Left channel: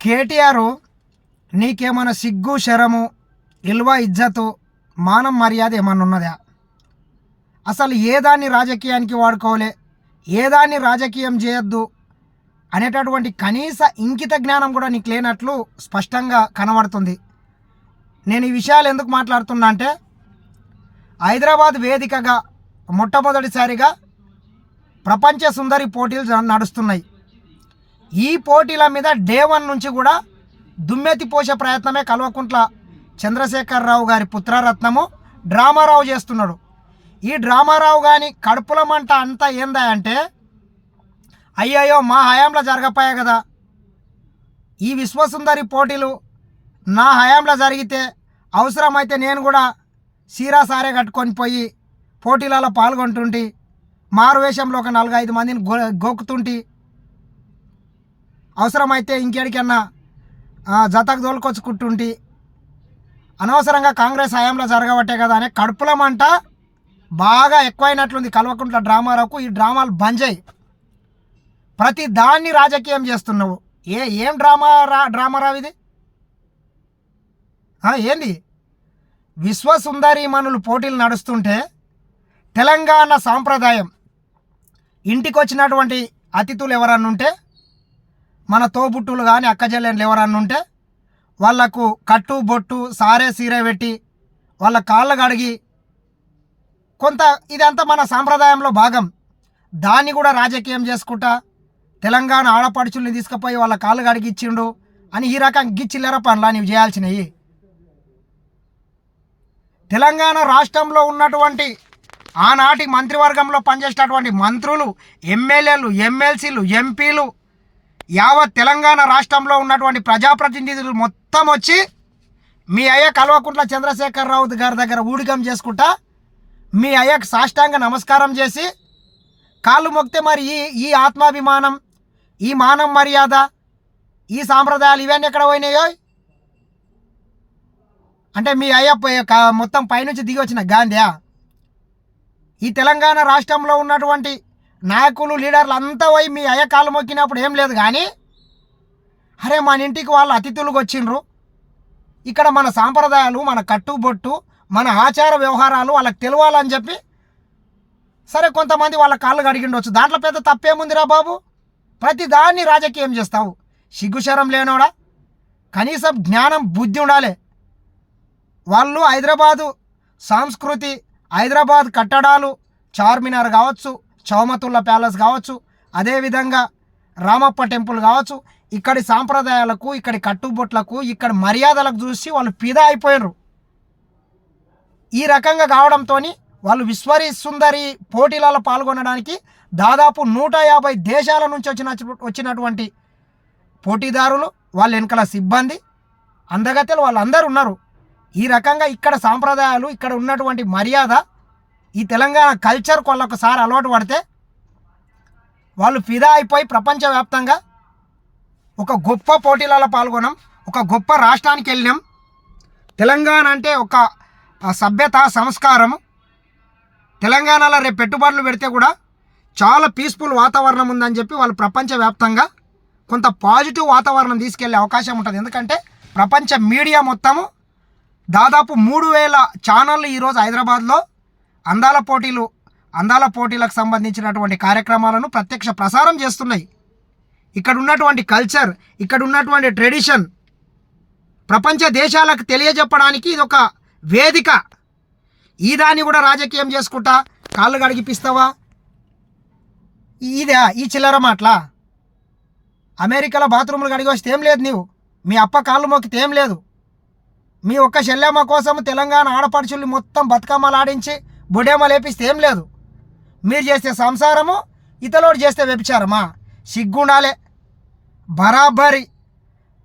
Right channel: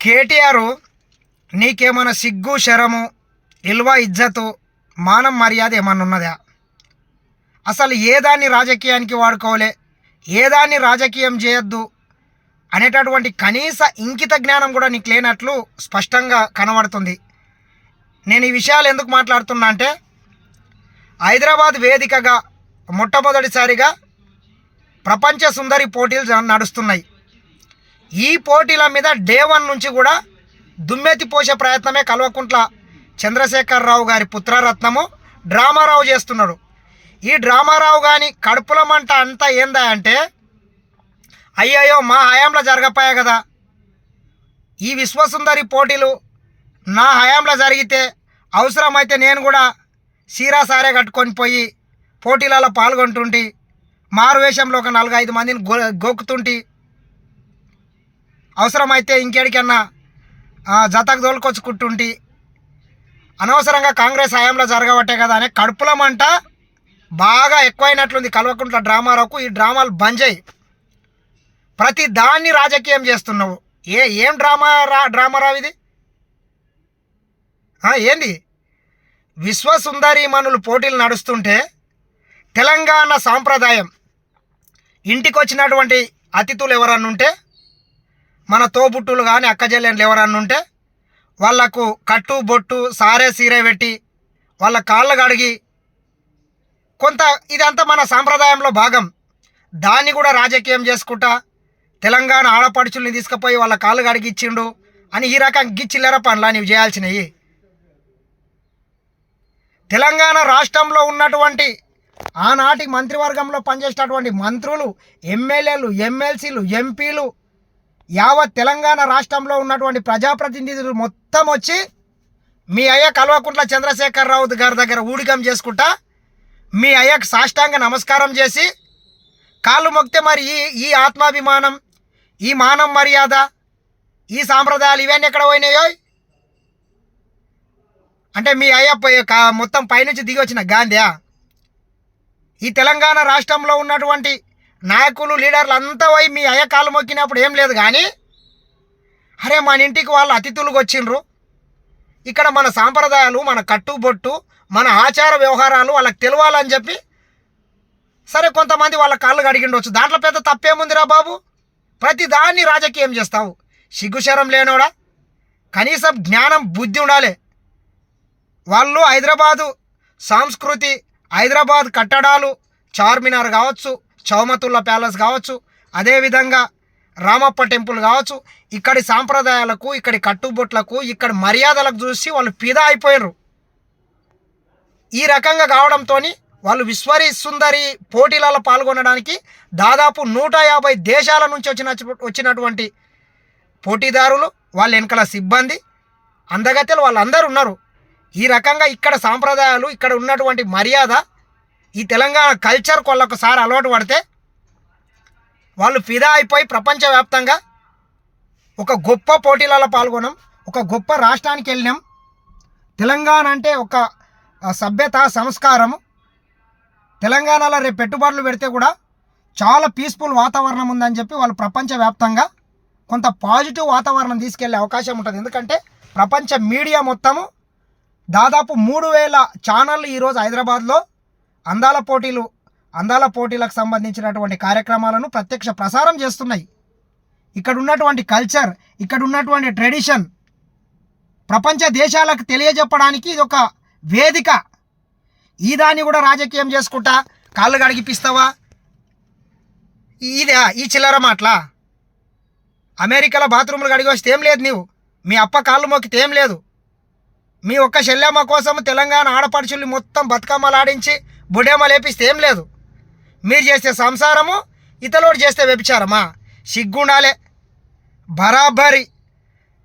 కేటీఆర్ నీకేమైనా సిగ్గు శరము ఇల్వ ఇజ్జతు మానం మర్యాద ఏమన్నా ఉన్నదా? అసలు ఏ దాన్ని రాజకీయానికి వాడుకోలే ఏ దాన్ని రాజకీయం చేయొద్దు? అనేటటువంటి కనీస ఇంకిత జ్ఞానం కూడా నీకు లేనట్లు స్పష్టంగా కనబడుతుంది. నేను ఈ విషయాలు ఎందుకు మాట్లాడుతున్నా అంటే హైదరాబాద్ వేదికగా మొట్టమొదటిసారిగా ప్రపంచ సుందరి పోటీలు నడుస్తున్నాయి. ఈ పోటీల మీద డే వన్ నుంచి కూడా దుమ్మెత్తి పోసే ప్రయత్నమే కల్వకుంట్ల చంద్రశేఖరరావు గారి పుత్రరత్నము. డ్రామారావు చేస్తున్నాడు. ఈ డ్రామారావు కానీ కడుపుల మంట అంతా ఏందా అంటే అయ్యయ్యో మా హయాంలో జరగపోయా కదా. ఈ విశ్వసుందరి పోటీలు నా హయాంలో జరిగితే అవసరమైతే నేను కూడా సీరా సారే కట్టుకొని పోయి పోటీలలో పాల్గొంటుంటి మారు వేషంలో ఒక ఐదు మందిని గో గోకుతుంటి అవసరమైతే ఇంకేడికన్నా జతకు తోలుకొచ్చుకుంటుంటి. అనవసరంగా కాంగ్రెస్ హయాంలో జరగబట్టే కదా అనే కడుపులమంట బాగా ఎక్కువైనట్లుంది కల్వకుంట్ల డ్రామారావుకు. ఈ డ్రామాలు బంద్ చేయి. ప్రతి దాన్ని రాజకీయం చేస్తున్నావు. ఏ ఏం డ్రామా రా డ్రామారావు ఇది? ఏంది? విశ్వసుందరి మనులు పోటీలు నడుస్తుంటే తెలంగాణ సాంప్రదాయం. ఇంటికి వచ్చినటువంటి అతిథులు ఎవరన్నా ఉంటే మన తోబుట్టులు కానీ అక్కజెల్లెండ్లు ఎవరన్నా ఉంటే వాళ్ళకు కట్టు బొట్టు సారే సీరే పెట్టి వాళ్ళ కాళ్ళు కడిగి కొంత ఇదంతా మన సాంప్రదాయంలో భాగం. దాన్ని కూడా రాజకీయం చేసుకుంటా తెలంగాణ ఆడపడుచుల్ని తీసుకుపోయి వాళ్ళ కాళ్ళు కడిగిచ్చిండు అని ఈ రకం గిచ్చిల్లర పనులా నీవు చేయాల్సినవి. తెలంగాణ రాష్ట్రంలో ఉన్నటువంటి ఆనాటి మంత్రివర్గంలో పనిచేసినటువంటి మంత్రులు ఎమ్మెల్యేలు ఎమ్మెల్సీలు ఎంపీలు యావత్ తెలంగాణ రాష్ట్రంలో ఉన్నటువంటి ప్రజాప్రతినిధులు మొత్తం వచ్చి మీ అయ్య కల్వకుంట్ల చంద్రశేఖరరావు గారి దగ్గర ఊడికం చేసుకుంటా మీ అయ్యకు సాష్టాంగ నమస్కారం చేసి కాళ్ళు మొక్తే మరి ఈ ఈ ఆత్మాభిమానం ఈ మానం మర్యాద ఈ సాంప్రదాయాలు ఇవన్నీ ఎక్కడ పోయినాయో? అంటే మీ అయ్య మొత్తం పైనుంచి దిగి వచ్చిన గాంధీయా? ఈ తెలంగాణ రాష్ట్రంలో ఉన్నటువంటి నాయకులు లీడర్లు అంతా పోయి మీ అయ్యకాలు మొక్కినప్పుడు ఏం లేదు కానీ అరే మన ఇంటికి వాళ్ళు అతిథులకు వచ్చిండ్రు. ఇక్కడ మన సాంప్రదాయాలు మన కట్టుబొట్టు మన ఆచార వ్యవహారాలు వాళ్ళకి తెలియాలని చెప్పి సరే కొంతమంది వాళ్ళ కాళ్ళు కడిగిండొచ్చు. దాంట్లో పెద్ద తప్పేముందిరా బాబు? ప్రతి దాన్ని రాజకీయం చేస్తావు. సిగ్గుశరం లేనోడా? కనీసం జ్ఞానం బుద్ధి ఉండాలి. వాళ్ళు హైదరాబాదు సంస్కృతి హైదరాబాద్ కట్టడాలు చార్మినార్ కావచ్చు చౌమతుల్లా ప్యాలెస్ కావచ్చు అదేవిధంగా రామప్ప టెంపుల్ కావచ్చు ఇక్కడి సాంప్రదాయాలకు ఇక్కడి కట్టుబొట్లకు ఇక్కడి మర్యాదలకు చూసి వాళ్ళు పిదా అయిపోయారు ఈ రకంగా కావడంతో వాళ్ళు విశ్వరి సుందరి పోటీలలో పాల్గొనడానికి దాదాపు నూట యాభై దేశాల నుంచి వచ్చిన వచ్చినటువంటి పోటీదారులు వాళ్ళ వెనకల సిబ్బంది అందగత్తెలు వాళ్ళందరూ ఉన్నారు. ఈ రకంగా ఇక్కడ సాంప్రదాయాలు ఇక్కడ ఉన్నటువంటి మర్యాద ఈ తెలంగాణ కల్చర్ కొల్లొకసారి అలవాటు పడితే వాళ్ళు ఫిదా అయిపోయి ప్రపంచవ్యాప్తంగా ఒక గొప్ప పోటీలలో పాల్గొన్నాం ఒక గొప్ప రాష్ట్రానికి వెళ్ళినాం. తెలంగాణ అంటే ఒక సభ్యత సంస్కారము. తెలంగాణలో రేపు పెట్టుబడులు పెడితే కూడా చాలా పీస్ఫుల్ వాతావరణం ఉందని చెప్పి వాళ్ళు ప్రపంచవ్యాప్తంగా కొంత పాజిటివ్ వాతావరణం తీసుకెళ్ళే అవకాశం ఉంటుంది. ఎందుకంటే ప్రపంచ మీడియా మొత్తము దాదాపు మూడు వేల ఛానళ్ళు ఈరోజు హైదరాబాద్లో అందాల పోటీలు అందాల పోటీలకు సంబంధించినటువంటి కార్యక్రమాలను ప్రత్యక్ష ప్రసారం చేస్తున్నాయి. ఇక్కడ ఉన్నటువంటి కల్చర్ ఇక్కడ ఉన్నటువంటి ట్రెడిషన్ ప్రపంచ దేశాలకు తెలియజెప్పడానికి ఇది ఒక వేదిక. ఈ దాన్ని కూడా రాజకీయం చేసుకుంటా కాళ్ళు గడిగిపిస్తావా ఇదే ఈ చిల్లర మాటలా? అమెరికాలో బాత్రూములు గడిగి వస్తే ఏం లేదు నీవు? మీ అప్ప కాళ్ళు మొక్కితే ఏం లేదు? మీ ఒక్క శల్యమ్మ కోసం తెలంగాణ ఆడపడుచుల్ని మొత్తం బతుకమ్మలాడించి బుడేమ లేపిస్తే ఏం లేదు. మీరు చేస్తే సంసారము ఇతలోడు చేస్తే వ్యభిచారమా? సిగ్గుండాలే. బరాబరి.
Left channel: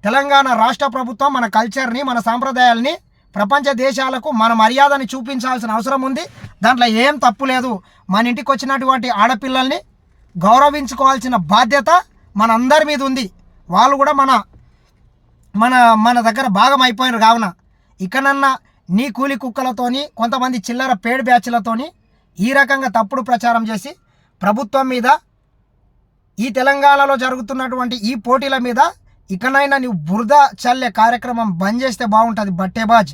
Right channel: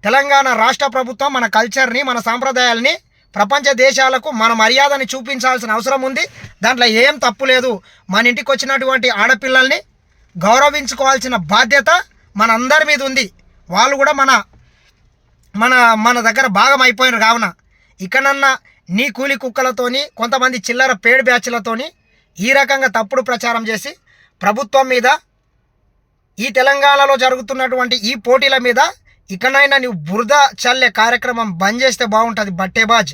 తెలంగాణ రాష్ట్ర ప్రభుత్వం మన కల్చర్ని మన సాంప్రదాయాల్ని ప్రపంచ దేశాలకు మన మర్యాదని చూపించాల్సిన అవసరం ఉంది. దాంట్లో ఏం తప్పు లేదు. మన ఇంటికి వచ్చినటువంటి ఆడపిల్లల్ని గౌరవించుకోవాల్సిన బాధ్యత మనందరి మీద ఉంది. వాళ్ళు కూడా మన మన మన దగ్గర భాగం అయిపోయినారు కావున. ఇకనన్నా నీ కూలి కుక్కలతోని కొంతమంది చిల్లర పేడ్ బ్యాచ్లతోని ఈ రకంగా తప్పుడు ప్రచారం చేసి ప్రభుత్వం మీద ఈ తెలంగాణలో జరుగుతున్నటువంటి ఈ పోటీల మీద ఇకనైనా నువ్వు బురద చల్లే కార్యక్రమం బంద్ చేస్తే బాగుంటుంది బట్టేబాజ్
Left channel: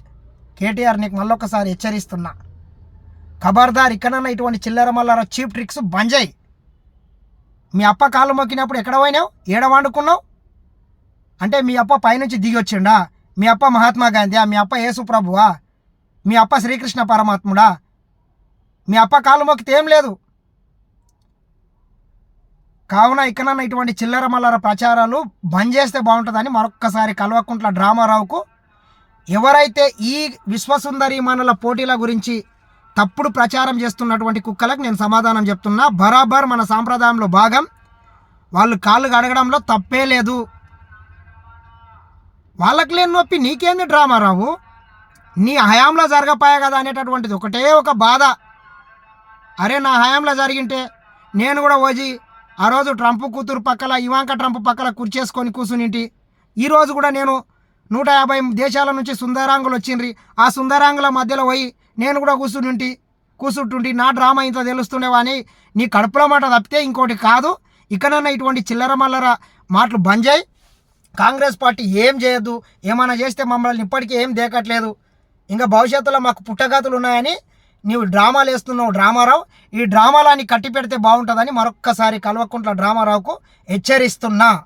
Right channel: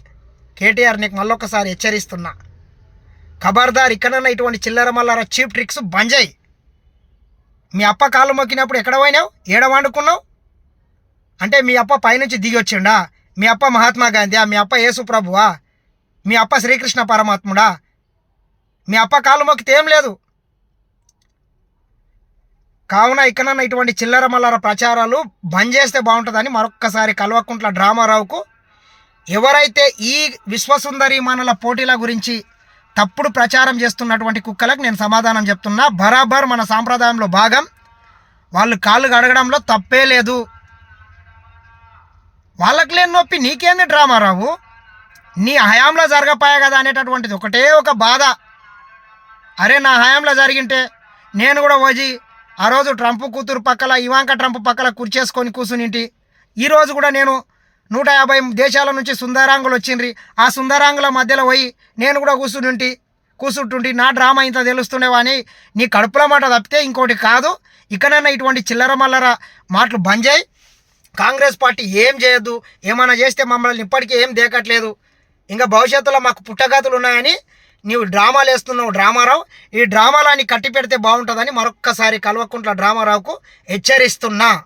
కేటీఆర్ నీకు మళ్ళొకసారి హెచ్చరిస్తున్నా. ఖబర్దార్ ఇకనైనా ఇటువంటి చిల్లర మల్లర చీప్ ట్రిక్స్ బంద్ చేయి. మీ అప్ప కాళ్ళు మొక్కినప్పుడు ఎక్కడ పోయినావు? ఏడ వండుకున్నావు? అంటే మీ అప్ప పైనుంచి దిగి వచ్చిండా? మీ అప్ప మహాత్మా గాంధీ మీ అప్ప ఏసుప్రభువా మీ అప్ప శ్రీకృష్ణ పరమాత్ముడా మీ అప్ప కాలు మొక్కితే ఏం లేదు. కావున ఇకనన్నా ఇటువంటి చిల్లర మల్లర ప్రచారాలు బంద్ చేస్తే బాగుంటుందని మరొక్కసారి కల్వకుంట్ల డ్రామారావుకు ఎవరైతే ఈ విశ్వసుందరి మనల పోటీల గురించి తప్పుడు ప్రచారం చేస్తున్నటువంటి కుక్కలకు నేను సమాధానం చెప్తున్నా. బరాబర్ మన సాంప్రదాయంలో భాగం. వాళ్ళు కాళ్ళు కడగడంలో తప్పే లేదు. వాళ్ళకి లేని నొప్పి నీకేంది డ్రామా రావు? నీ హయాంలో జరగపాయా కదా అనేటటువంటిది ఒకటే ఒక బాధ. అరే నా హయాంలో జరిగింటే నేను కూడా పోయి ఆ రోజు ట్రంప్ కూతురు పక్కల ఇవాంక ట్రంప్ పక్కల కుర్చేసుకొని కూర్చునింటి. ఈరోజు కూడా నేను నూట యాభై దేశాల నుంచి సుందరాంగులు వచ్చిండ్రి. ఆ సుందరాంగుల మధ్యలో పోయి నేను కూడా కూర్చునింటి కూర్చుంటుంటి. నా డ్రామా ఇంత తెలుస్తుండేవని నీ కడుపులో మాట తప్పితే ఇంకోటి కాదు. ఇకనైనా ఇటువంటి చిల్లర మల్లర మాటలు బంద్ చేయి కాంగ్రెస్ పార్టీ ఏం చేయొద్దు ఏమైనా చేస్తే మమ్మల్ని ఇప్పటికీ ఏం దేకట్లేదు. ఇంకా భవిష్యత్తులో మాకు పుట్టగాతులు ఉన్నాయని నీవు డ్రామాలు వేస్తున్నావు డ్రామారావు. ఈ డ్రామాలని కట్టి పెడితే బాగుంటుందని మరొక్కసారి కల్వకుంట్ల డ్రామారావుకు హెచ్చరిస్తున్నా.